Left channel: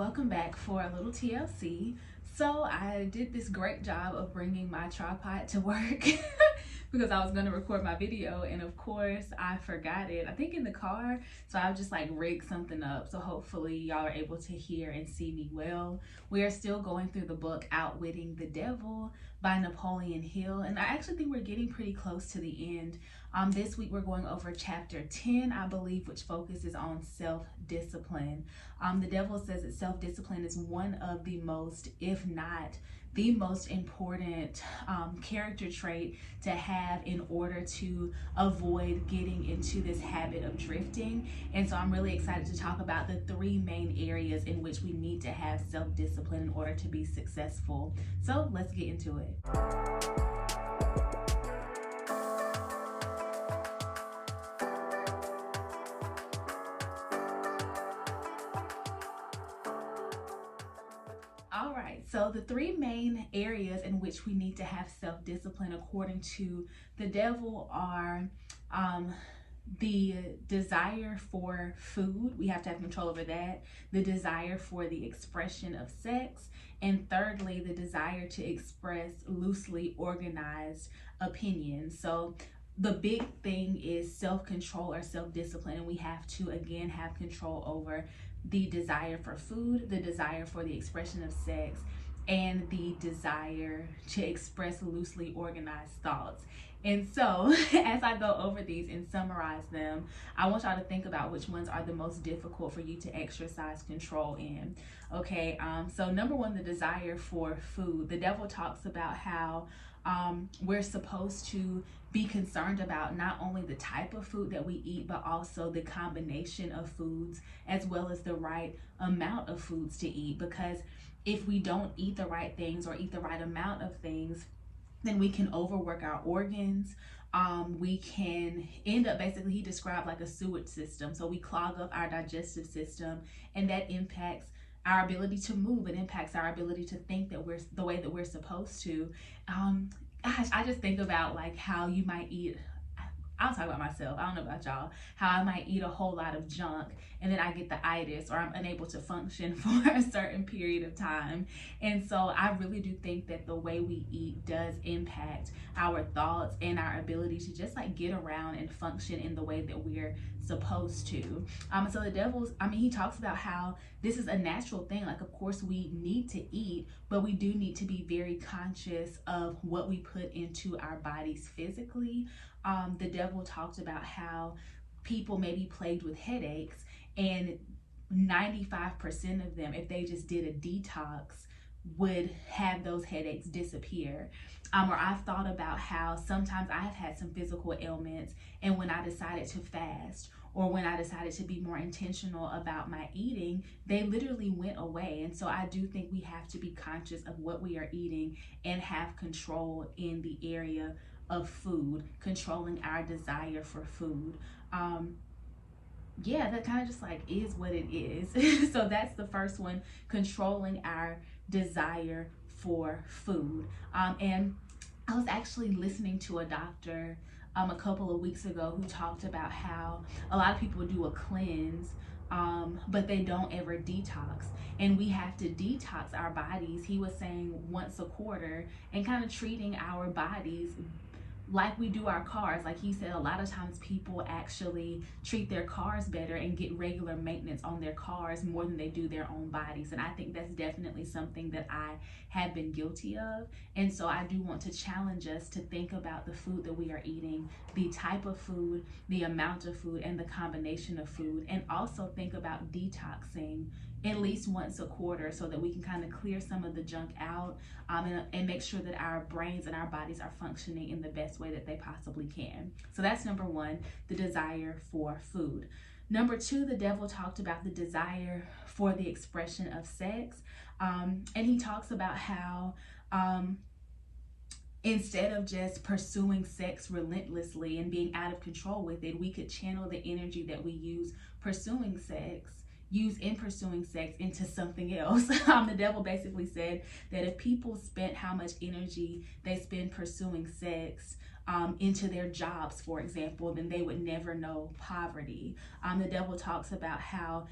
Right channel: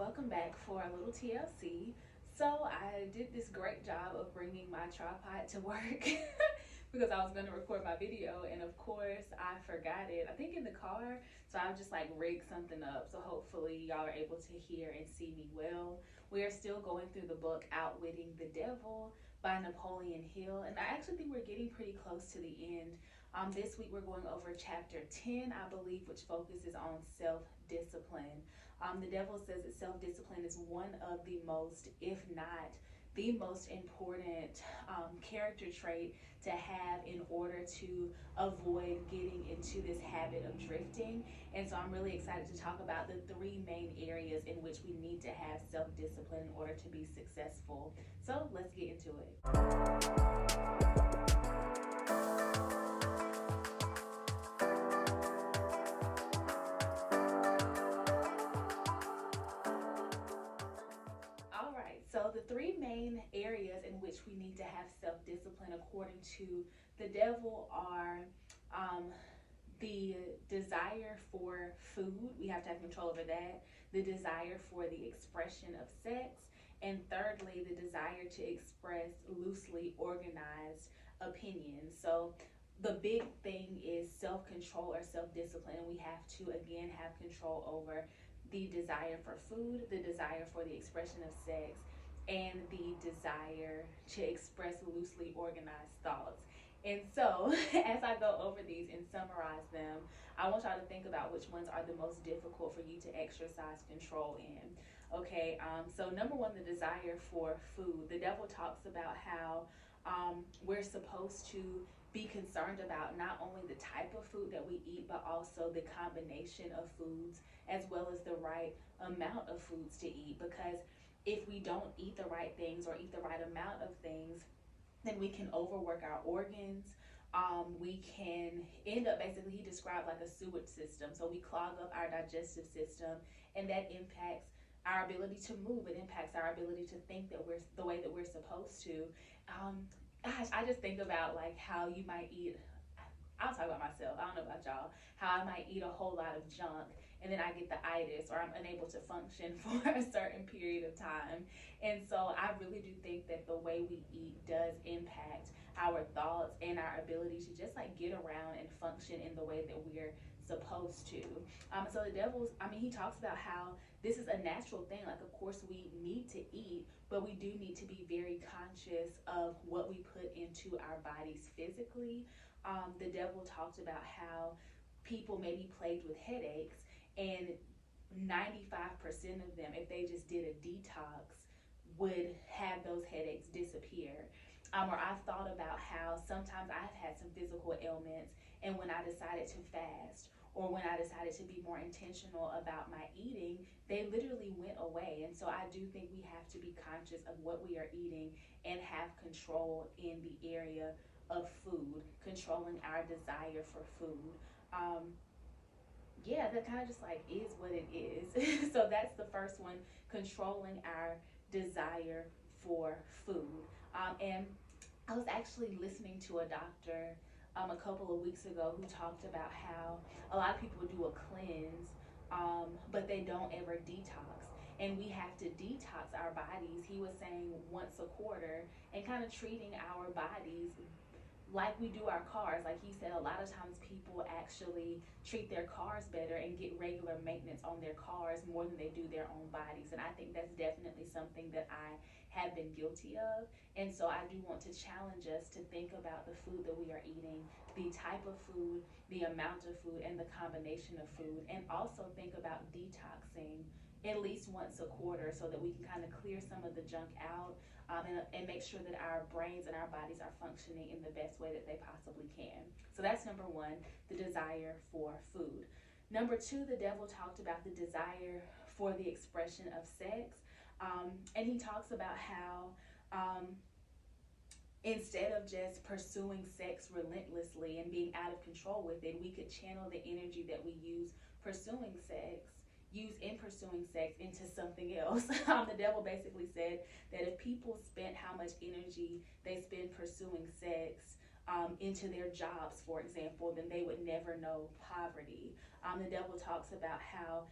welcome back for a little TLC. So I did this great job of bringing my tripod to work because I was going to record my video, and of course I forgot it, I think in the car. So I've just like rigged something up, so hopefully y'all are able to hear and see me well. We are still going through the book Outwitting the Devil by Napoleon Hill, and I actually think we're getting pretty close to the end. This week we're going over chapter 10, I believe, which focuses on self-discipline. The devil says that self-discipline is one of the most, if not the most important character trait to have in order to avoid getting into this habit of drifting. And so I'm really excited to talk about the three main areas in which we need to have self-discipline in order to be successful. So let's get into it. All right, so the three main areas in which we need to have self-discipline according to the devil are the desire for food. We have to have control over that. The desire for the expression of sex. And thirdly, the desire to express loosely organized opinions. So the big thing is self-control or self-discipline. And we have to, again, have control over the desire for food, the desire for the expression of sex, and the desire to express loosely organized thoughts. And so as I go over these and summarize them, I want y'all to think about which ones are the most difficult for you to exercise control in. Okay, so number one, the desire for food. The devil talks about how we're supposed to be concerned about not only the type of food that we eat, but also the combination of foods, as well as the right amount of foods to eat. Because if we don't eat the right things or eat the right amount of things, then we can overwork our organs. We can end up, basically, he described like a sewage system. So we clog up our digestive system, and that impacts our ability to move. It impacts our ability to think that we're the way that we're supposed to. Gosh, I just think about like how you might eat. I'll talk about myself. I don't know about y'all. How I might eat a whole lot of junk and then I get the itis, or I'm unable to function for a certain period of time. And so I really do think that the way we eat does impact our thoughts and our ability to just like get around and function in the way that we're supposed to. So the devil's, he talks about how this is a natural thing. Like, of course, we need to eat, but we do need to be very conscious of what we put into our bodies physically. The devil talked about how people may be plagued with headaches, and 95% of them, if they just did a detox, would have those headaches disappear. Or I've thought about how sometimes I have had some physical ailments, and when I decided to fast, or when I decided to be more intentional about my eating, they literally went away. And so I do think we have to be conscious of what we are eating and have control in the area of food, controlling our desire for food. Yeah, that kind of just like is what it is. So that's the first one, controlling our desire for food. And I was actually listening to a doctor a couple of weeks ago who talked about how a lot of people do a cleanse, but they don't ever detox. And we have to detox our bodies, he was saying, once a quarter, and kind of treating our bodies like we do our cars. Like he said, a lot of times people actually treat their cars better and get regular maintenance on their cars more than they do their own bodies. And I think that's definitely something that I have been guilty of. And so I do want to challenge us to think about the food that we are eating, the type of food, the amount of food, and the combination of food. And also think about detoxing at least once a quarter, so that we can kind of clear some of the junk out, and make sure that our brains and our bodies are functioning in the best way that they possibly can. So that's number one, the desire for food. Number two, the devil talked about the desire for the expression of sex. And he talks about how instead of just pursuing sex relentlessly and being out of control with it, we could channel the energy that we use in pursuing sex into something else. The devil basically said that if people spent how much energy they spend pursuing sex into their jobs, for example, then they would never know poverty. The devil talks about how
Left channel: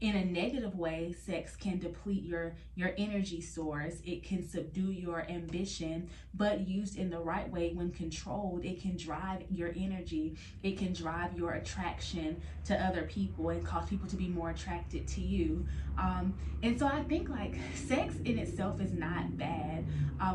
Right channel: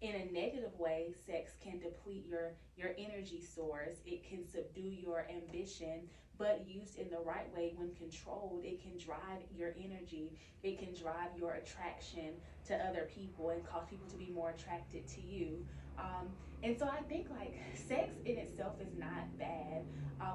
in a negative way, sex can deplete your energy source. It can subdue your ambition, but used in the right way, when controlled, it can drive your energy. It can drive your attraction to other people and cause people to be more attracted to you. And so I think like sex in itself is not bad.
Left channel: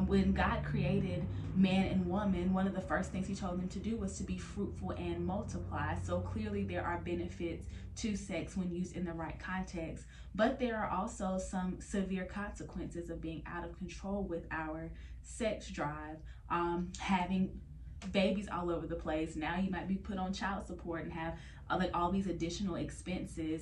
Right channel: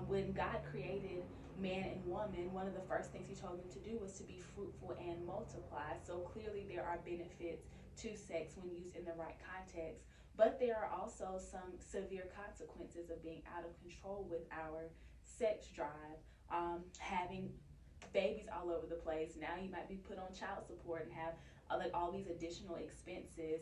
When God created man and woman, one of the first things he told them to do was to be fruitful and multiply. So clearly there are benefits to sex when used in the right context, but there are also some severe consequences of being out of control with our sex drive. Having babies all over the place. Now you might be put on child support and have like all these additional expenses.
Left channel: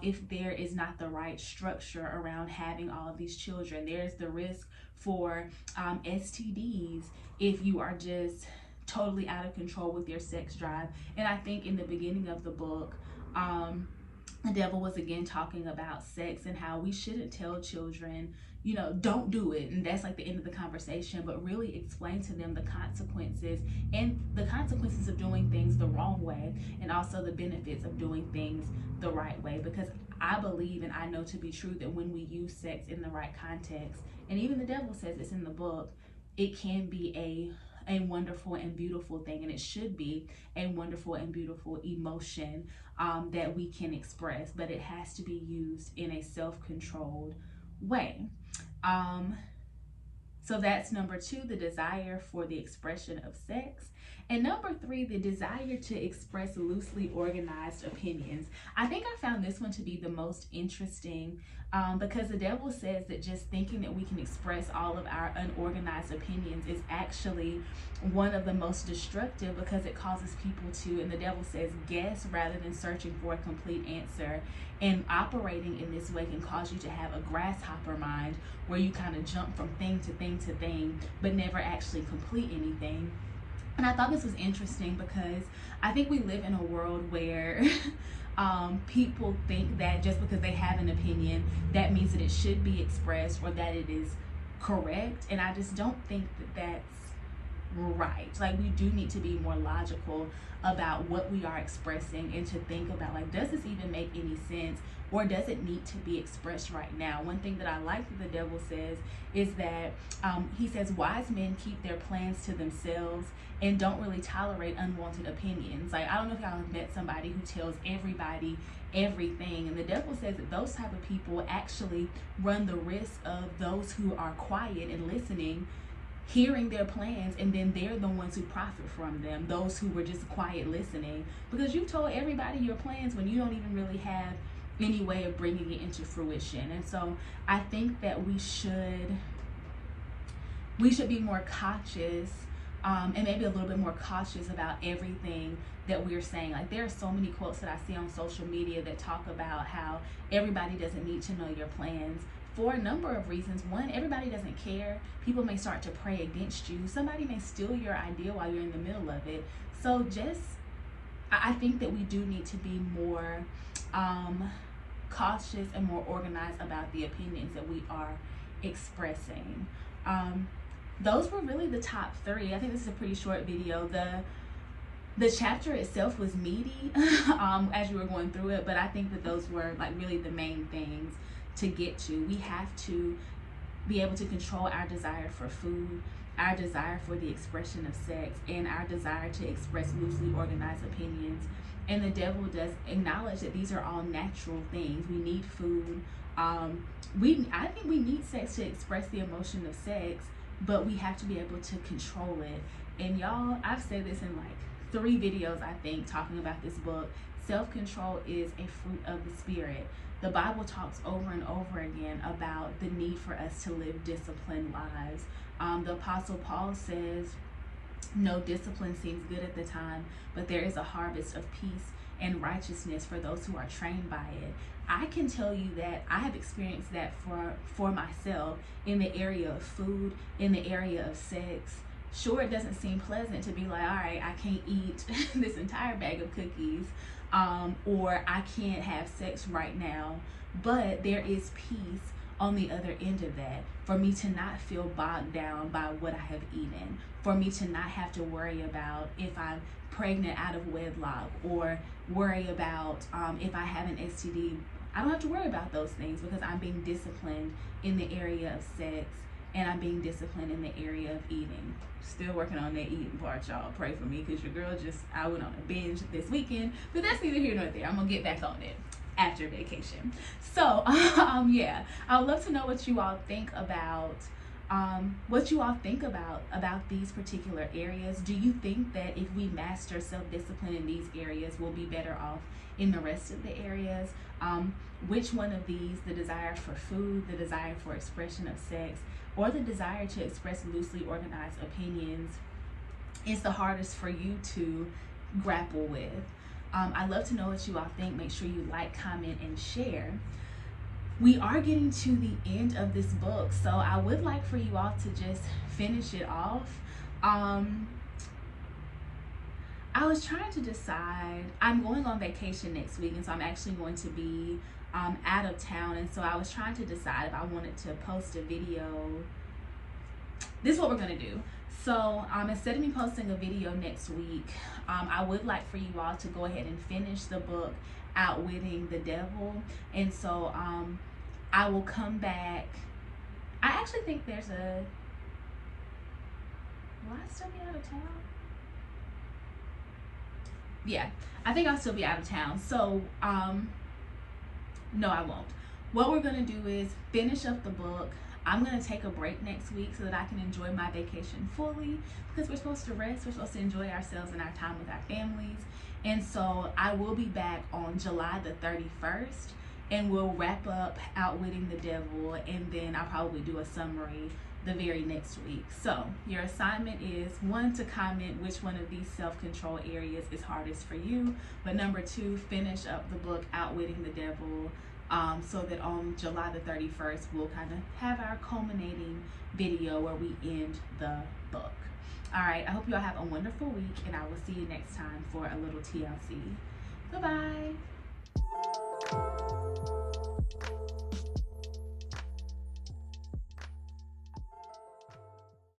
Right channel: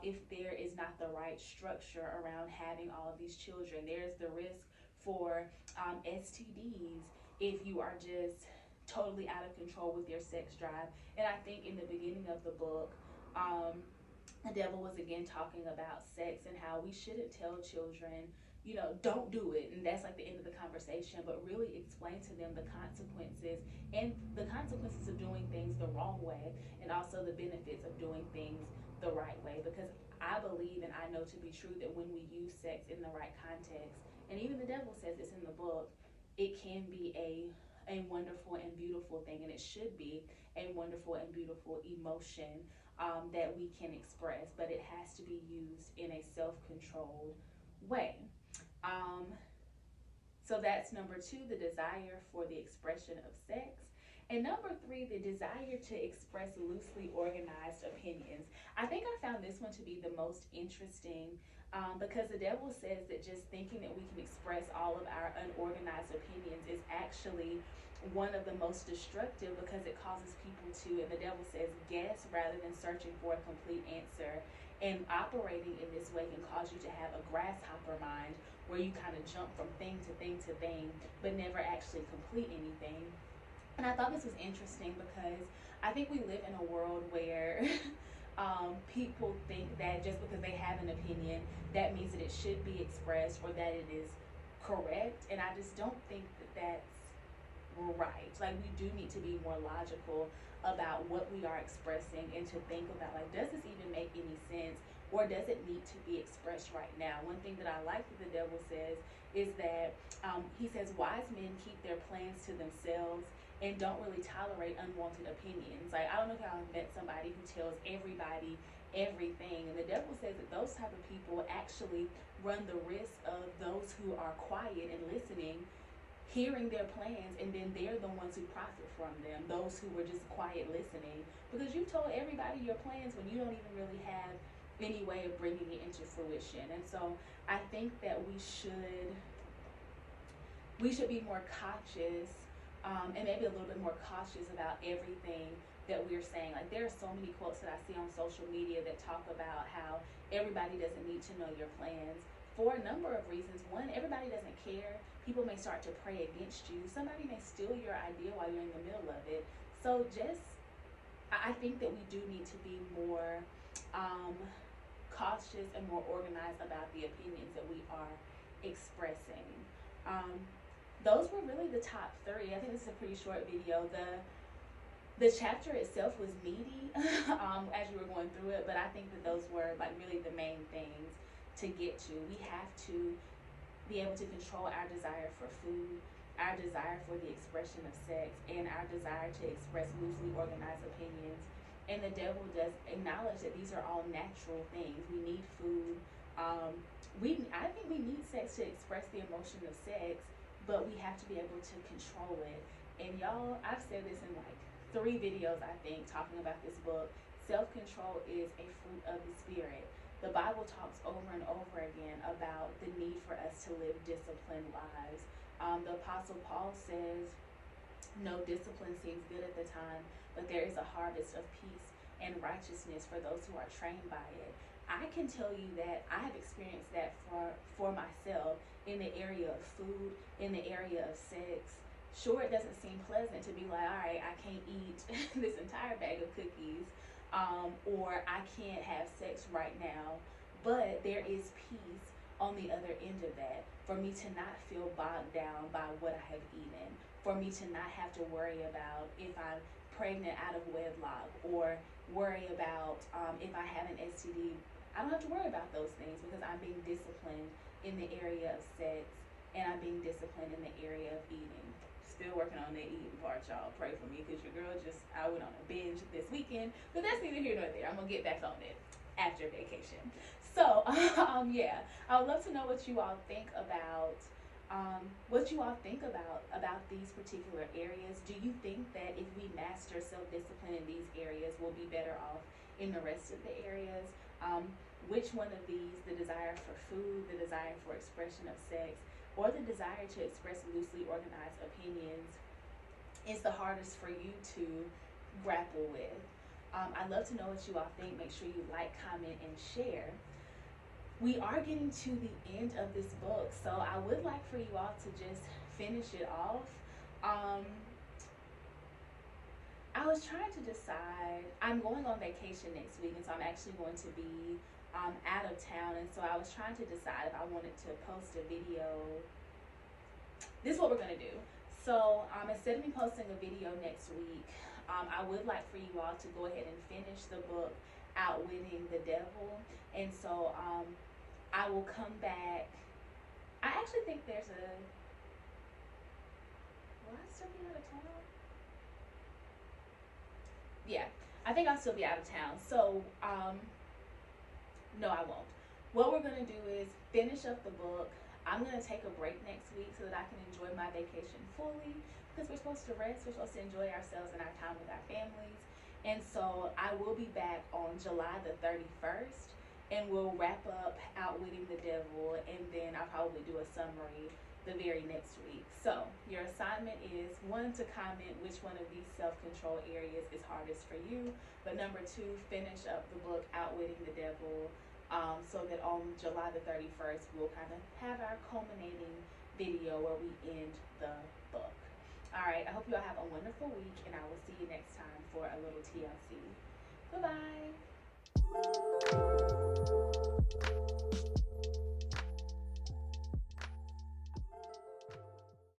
If there is not the right structure around having all of these children, there's the risk for STDs if you are just totally out of control with your sex drive. And I think in the beginning of the book, the devil was again talking about sex and how we shouldn't tell children, you know, don't do it. And that's like the end of the conversation, but really explain to them the consequences, and the consequences of doing things the wrong way, and also the benefits of doing things the right way. Because I believe, and I know to be true, that when we use sex in the right context, and even the devil says this in the book, it can be a wonderful and beautiful thing, and it should be a wonderful and beautiful emotion that we can express, but it has to be used in a self-controlled way. Um, so that's number two, the desire for the expression of sex. And number three, the desire to express loosely organized opinions. I think I found this one to be the most interesting because the devil says that just thinking that we can express all of our unorganized opinions is actually one of the most destructive, because it causes people to, and the devil says, guess rather than searching for a complete answer. And operating in this way can cause you to have a grasshopper mind, where you kind of jump from thing to thing to thing, but never actually complete anything. And I thought this was interesting because I think we live in a world where people think that just because they have an opinion, that means that it should be expressed or that it is correct. And I just don't think that that's right. Like, we do need to be more logical about what we are expressing, and to think about, like, does this even make any sense, or does it need to be expressed right now? One thing that I like that the devil says is that he says wise men keep their plans to themselves and don't really tolerate unwanted opinions. Like, I don't know if y'all have met somebody who tells everybody everything, and the devil says that those type of people actually run the risk of those who are quiet and listening hearing their plans, and then they're the ones who profit from them, those who were just quiet listening, because you told everybody your plans when you don't even really have any way of bringing it into fruition. And so I think that we should be more cautious, and maybe a little bit more cautious about everything that we're saying. Like, there are so many quotes that I see on social media that talk about how everybody doesn't need to know your plans, for a number of reasons. One, everybody doesn't care. People may start to pray against you. Somebody may steal your idea while you're in the middle of it. So I think that we do need to be more cautious and more organized about the opinions that we are expressing. Those were really the top three. I think this is a pretty short video. The chapter itself was meaty as you were going through it, but I think that those were like really the main things to get to. We have to be able to control our desire for food, our desire for the expression of sex, and our desire to express loosely organized opinions. And the devil does acknowledge that these are all natural things. We need food. I think we need sex to express the emotion of sex, but we have to be able to control it. And y'all, I've said this in like 3 videos, I think, talking about this book. Self-control is a fruit of the spirit. The Bible talks over and over again about the need for us to live disciplined lives. The Apostle Paul says, no discipline seems good at the time, but there is a harvest of peace and righteousness for those who are trained by it. I can tell you that I have experienced that for myself in the area of food, in the area of sex. Sure, it doesn't seem pleasant to be like, all right, I can't eat this entire bag of cookies, or I can't have sex right now, but there is peace on the other end of that, for me to not feel bogged down by what I have eaten, for me to not have to worry about if I'm pregnant out of wedlock, or worry about if I have an STD I don't have to worry about those things because I'm being disciplined in the area of sex, and I'm being disciplined in the area of eating. Still working on that eating part, y'all. Pray for me, because your girl I went on a binge this weekend, but that's neither here nor there. I'm gonna get back on it after vacation. So yeah, I would love to know what you all think about these particular areas. Do you think that if we master self-discipline in these areas, we'll be better off in the rest of the areas? Which one of these, the desire for food, the desire for expression of sex, or the desire to express loosely organized opinions, is the hardest for you to grapple with? I'd love to know what you all think. Make sure you like, comment, and share. We are getting to the end of this book, so I would like for you all to just finish it off. I was trying to decide. I'm going on vacation next week, and so I'm actually going to be out of town, and so I was trying to decide if I wanted to post a video. This is what we're gonna do. So instead of me posting a video next week, I would like for you all to go ahead and finish the book Outwitting the Devil. And so I will come back. I actually think there's a, will I still be out of town? Yeah, I think I'll still be out of town. So no, I won't. What we're gonna do is finish up the book. I'm gonna take a break next week so that I can enjoy my vacation fully, because we're supposed to rest, we're supposed to enjoy ourselves and our time with our families. And so I will be back on July the 31st, and we'll wrap up Outwitting the Devil, and then I'll probably do a summary the very next week. So your assignment is, 1, to comment which one of these self-control areas is hardest for you, but number 2, finish up the book Outwitting the Devil, so that on July the 31st, we'll kind of have our culminating video where we end the book. All right, I hope you all have a wonderful week, and I will see you next time for a little TLC. Bye-bye.